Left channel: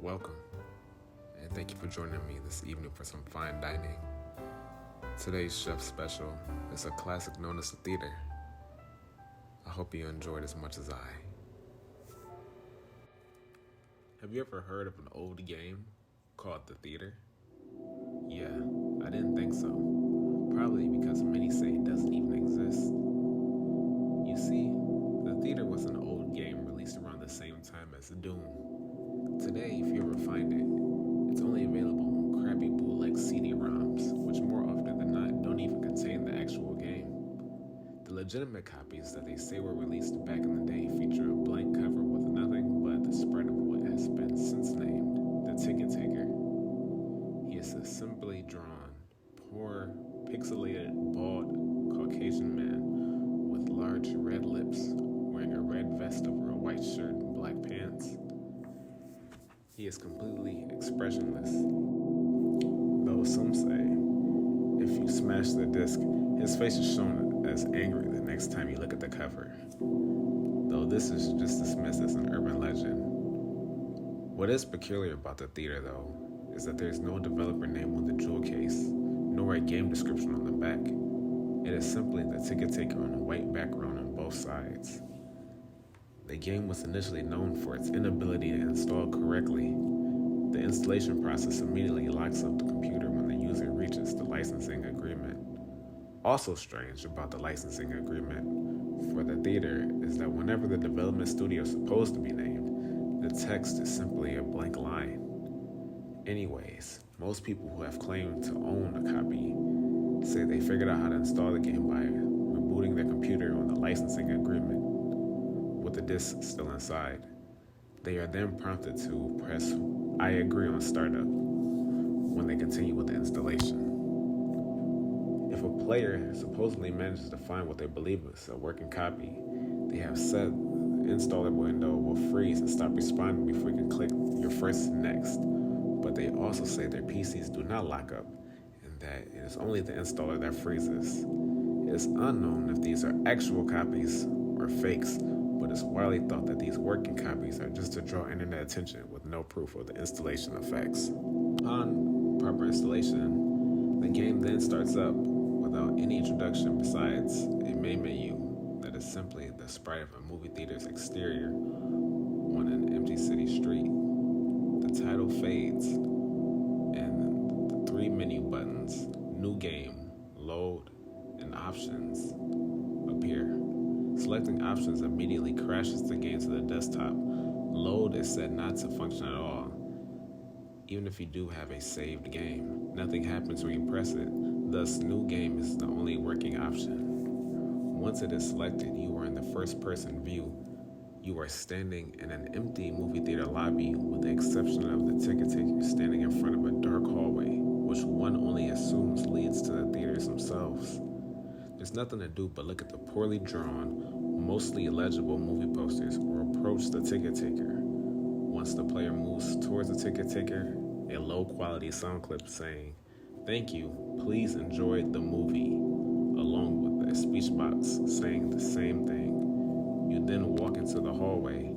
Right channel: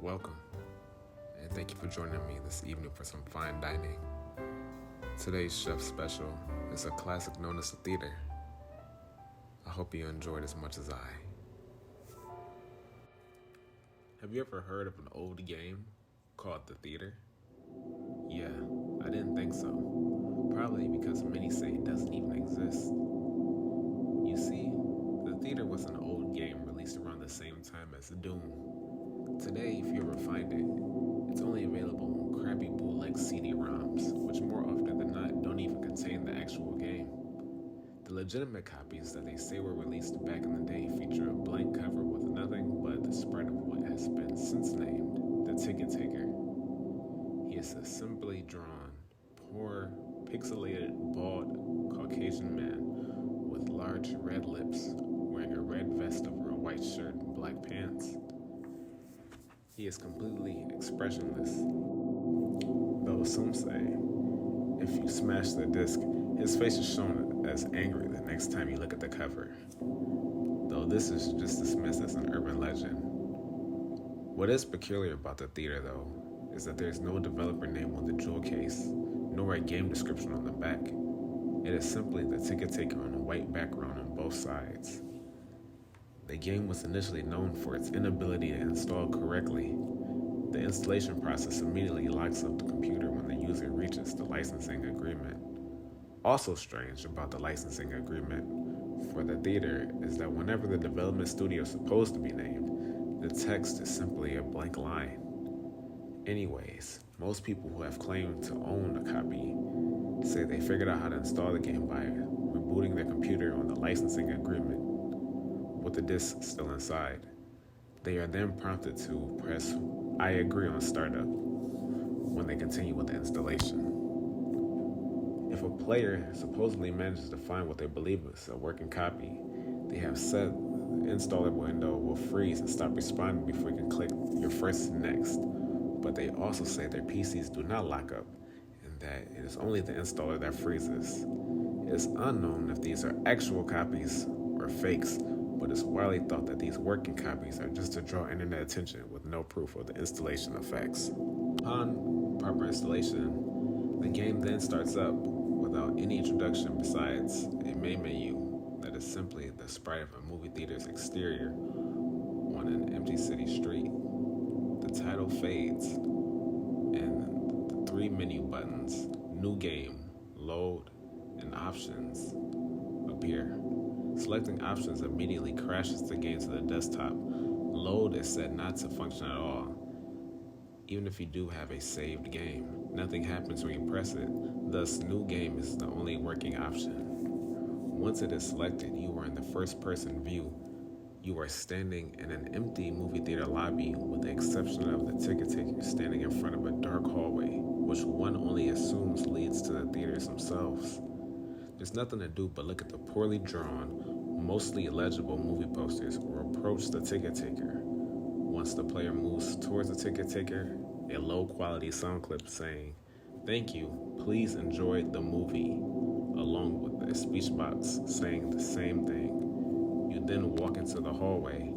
Welcome, and thank you for joining me this evening for some fine dining. Today's chef special is a classic known as The Theater. I hope you enjoyed as much as I. Have you ever heard of an old game called The Theater? Yeah, I didn't think so. Probably because many say it doesn't even exist. You see, The Theater was an old game released around the same time as Doom. Today, if you ever find it, it's only available on crappy bootleg CD-ROMs, which more often than not don't even contain the actual game. The legitimate copies that they say were released back in the day feature a blank cover with nothing but the spread of what has been since named the Ticket Taker. He is a simply drawn, poor, pixelated, bald, Caucasian man with large red lips, wearing a red vest over a white shirt and black pants. He is completely expressionless, though some say if you smash the disc, his face is shown as angry the next time you look at the cover, though this is just dismissed as an urban legend. What is peculiar about The Theater, though, is that there is no developer name on the jewel case, nor a game description on the back. It is simply the Ticket Taker on a white background on both sides. The game was initially known for its inability to install correctly. The installation process immediately locks up the computer when the user reaches the licensing agreement. Also strange about the licensing agreement for The Theater is that whenever the development studio is supposed to be named, the text is simply a blank line. Anyways, most people who have claimed to own a copy say they figured out how to install the game by rebooting their computer on the licensing agreement with the disc still inside. They are then prompted to press I agree on startup when they continue with the installation. If a player supposedly manages to find what they believe is a working copy, they have said the installer window will freeze and stop responding before you can click your first next. But they also say their PCs do not lock up and that it is only the installer that freezes. It is unknown if these are actual copies or fakes, but it's widely thought that these working copies are just to draw internet attention with no proof of the installation effects. Upon proper installation, the game then starts up without any introduction besides a main menu that is simply the sprite of a movie theater's exterior on an empty city street. The title fades, and the three menu buttons, New Game, Load, and Options, appear. Selecting Options immediately crashes the game to the desktop. Load is said not to function at all. Even if you do have a saved game, nothing happens when you press it, thus New Game is the only working option. Once it is selected, you are in the first-person view. You are standing in an empty movie theater lobby with the exception of the ticket taker standing in front of a dark hallway, which one only assumes leads to the theaters themselves. There's nothing to do but look at the poorly drawn, mostly illegible movie posters or approach the ticket taker. Once the player moves towards the ticket taker, a low-quality sound clip saying, "Thank you, please enjoy the movie," along with a speech box saying the same thing. You then walk into the hallway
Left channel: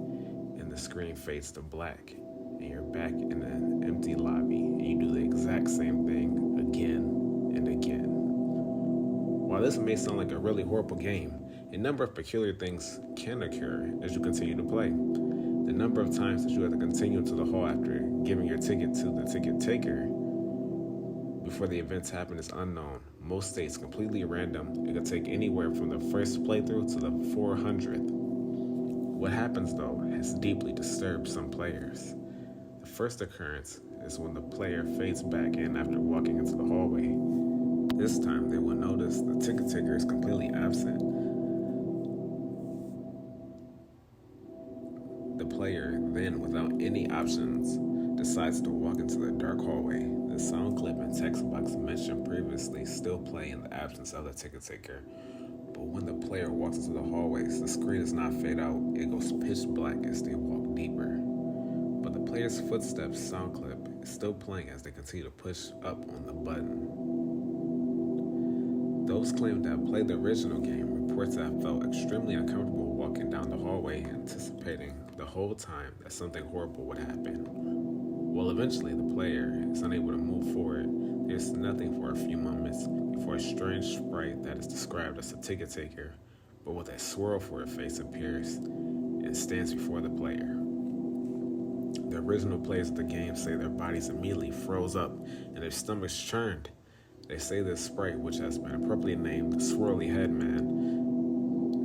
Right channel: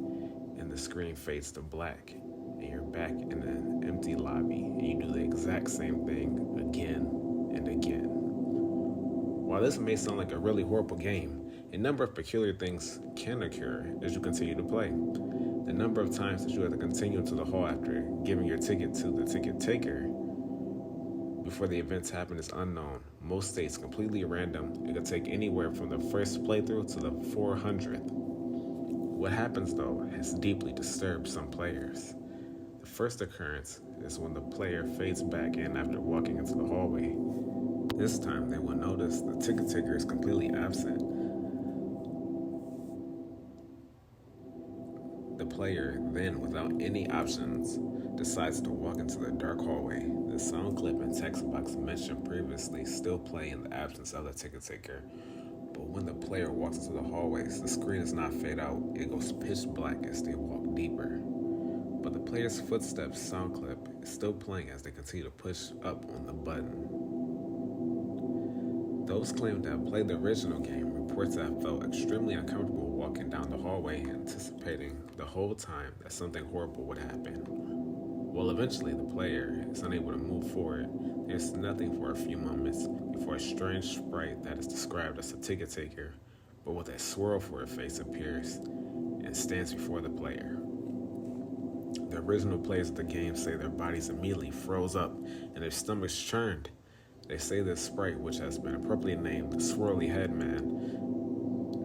and the screen fades to black and you're back in an empty lobby and you do the exact same thing again and again. While this may sound like a really horrible game, a number of peculiar things can occur as you continue to play. The number of times that you have to continue into the hall after giving your ticket to the ticket taker before the events happen is unknown. Most states completely random. It could take anywhere from the first playthrough to the 400th. What happens though has deeply disturbed some players. The first occurrence is when the player fades back in after walking into the hallway. This time they will notice the ticket taker is completely absent. The player then, without any options, decides to walk into the dark hallway. The sound clip and text box mentioned previously still play in the absence of the ticket taker. But when the player walks into the hallways, the screen does not fade out, it goes pitch black as they walk deeper. But the player's footsteps sound clip is still playing as they continue to push up on the button. Those claiming to have played the original game report to have felt extremely uncomfortable walking down the hallway, anticipating the whole time that something horrible would happen. Well, eventually the player is unable to move forward. There's nothing for a few moments before a strange sprite that is described as a ticket taker, but with a swirl for her face, appears and stands before the player. The original players of the game say their bodies immediately froze up and their stomachs churned. They say this sprite, which has been appropriately named the Swirly Head Man,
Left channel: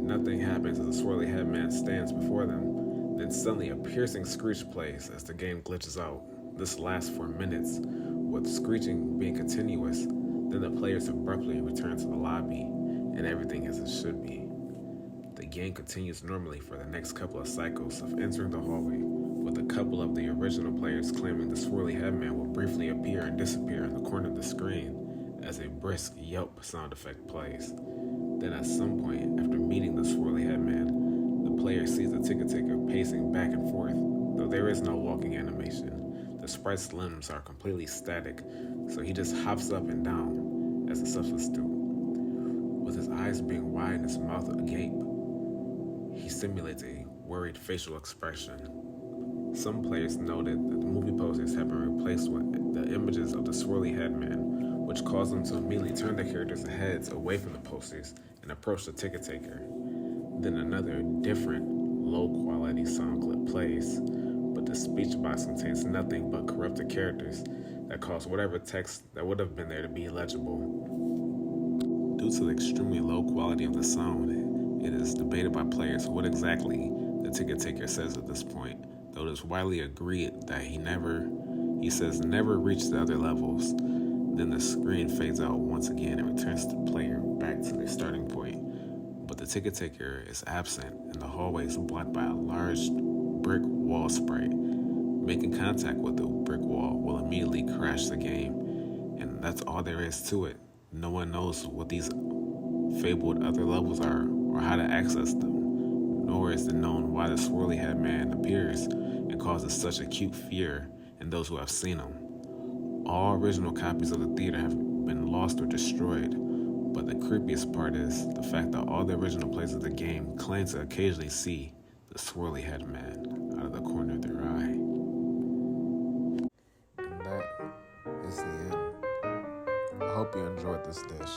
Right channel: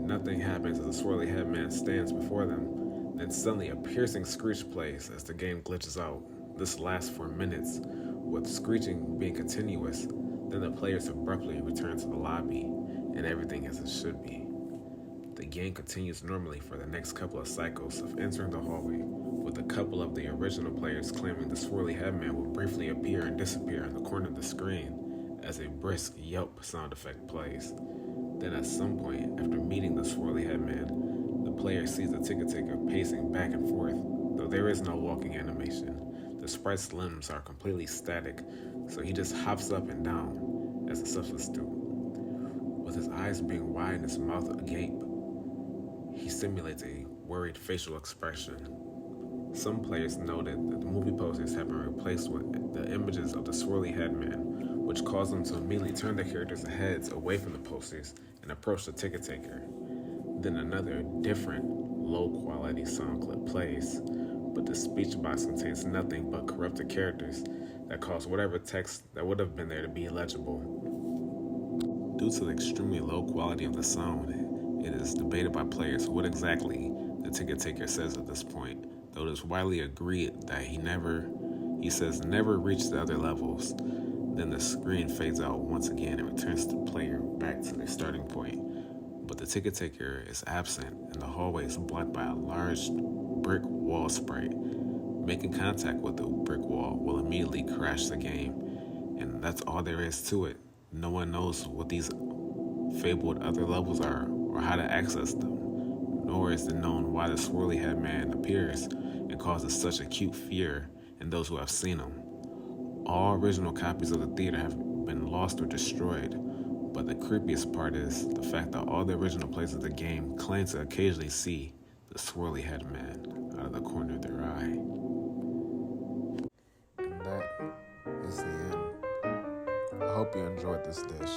nothing happens as the Swirly Head Man stands before them. Then suddenly a piercing screech plays as the game glitches out. This lasts for minutes, with screeching being continuous. Then the players abruptly return to the lobby, and everything as it should be. The game continues normally for the next couple of cycles of entering the hallway, with a couple of the original players claiming the Swirly Headman will briefly appear and disappear in the corner of the screen as a brisk yelp sound effect plays. Then at some point, after meeting the Swirly Headman, the player sees the ticket taker pacing back and forth. Though there is no walking animation, the sprite's limbs are completely static, so he just hops up and down as the substance do. With his eyes being wide and his mouth agape, he simulates a worried facial expression. Some players noted that the movie posters have been replaced with the images of the Swirly Headman, which caused them to immediately turn their characters' heads away from the posters and approach the ticket taker. Then another, different, low-quality sound clip plays, but the speech box contains nothing but corrupted characters that cause whatever text that would have been there to be illegible. Due to the extremely low quality of the sound, it is debated by players what exactly the ticket taker says at this point, though it is widely agreed that he says never reach the other levels. Then the screen fades out once again and returns the player back to their starting point. But the ticket taker is absent, and the hallway is blocked by a large brick wall sprite. Making contact with the brick wall will immediately crash the game, and that's all there is to it. No one knows what these fabled other levels are or how to access them, nor is it known why the Swirly Head Man appears and causes such acute fear in those who have seen him. All original copies of the theater have been lost or destroyed, but the creepiest part is the fact that all the original players of the game claim to occasionally see the Swirly Head Man out of the corner of their eye. And that is the end. I hope you enjoyed this dish.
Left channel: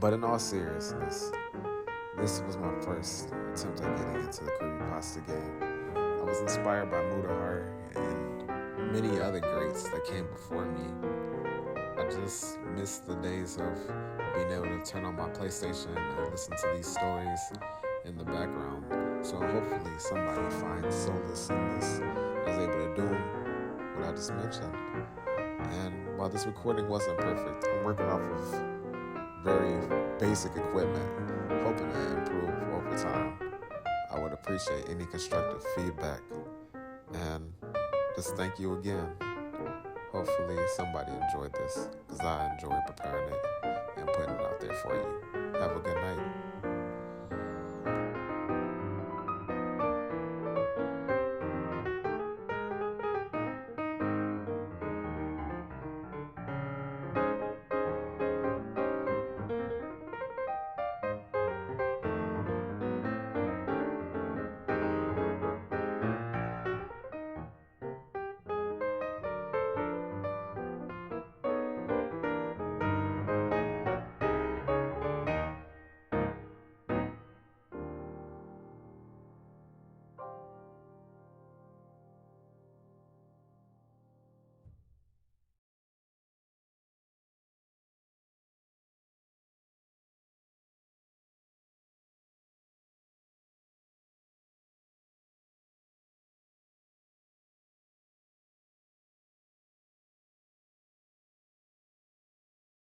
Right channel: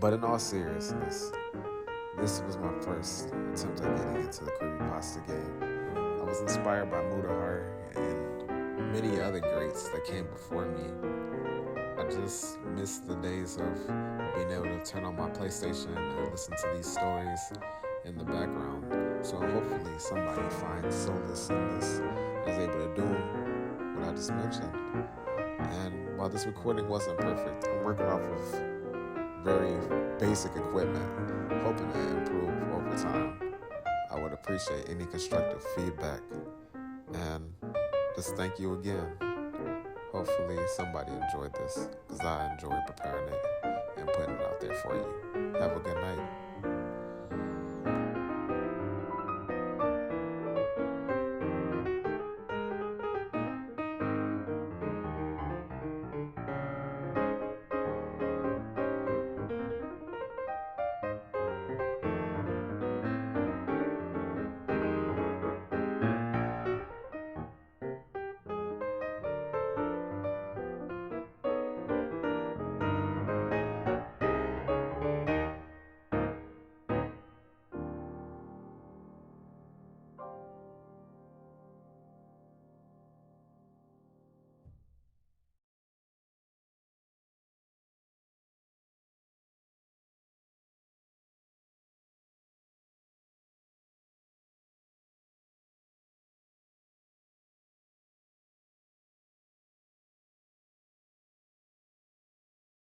But in all seriousness, this was my first attempt at getting into the creepypasta game. I was inspired by Mutahar and many other greats that came before me. I just miss the days of being able to turn on my PlayStation and listen to these stories in the background. So hopefully somebody finds solace in this and is able to do what I just mentioned. And while this recording wasn't perfect, I'm working off of very basic equipment, hoping to improve over time. I would appreciate any constructive feedback. And just thank you again. Hopefully somebody enjoyed this, because I enjoy preparing it and putting it out there for you. Have a good night.